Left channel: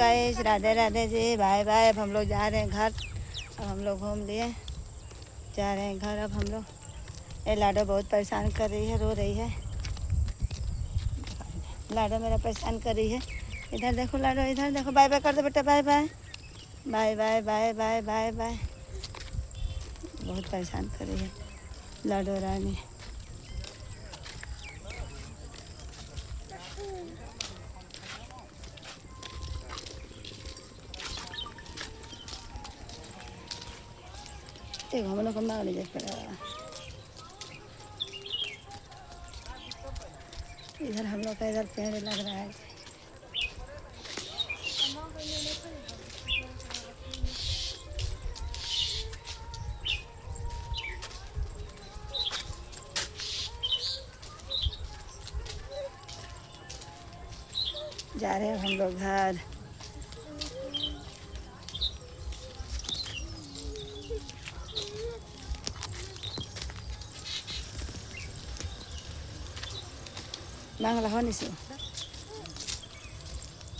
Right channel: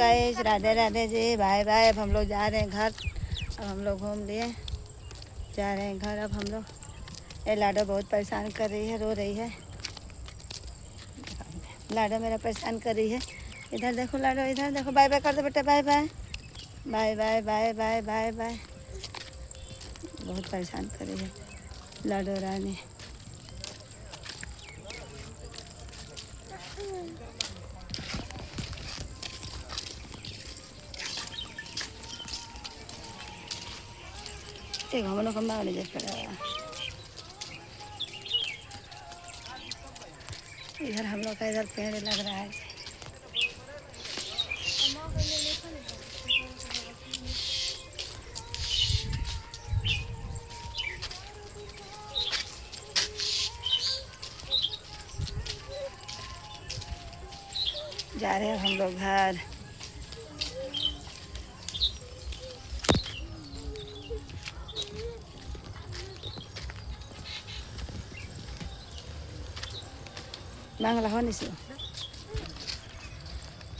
Guys Radhe Radhe ji, bye bye. अब हम लोग जा रहे हैं घर। अब हम लोग घूम लिए, जा रहे हैं घर अब हम लोग। ये लाडो बहुत परेशान कर रही है, रो रही है। लाडो मेरा परेशान कर रही है। इधर देखो लाडो, इधर देखो। बाय बाय कर दो बेटा, bye bye bye bye bye bye bye bye. बहुत परेशान कर रही है लाडो रानी। एक हम लोग को मार लीजिए। इधर हम लोग का इधर पेड़ लग रहा है। जा रहे हैं हम लोग घर। मांगला हो निशु।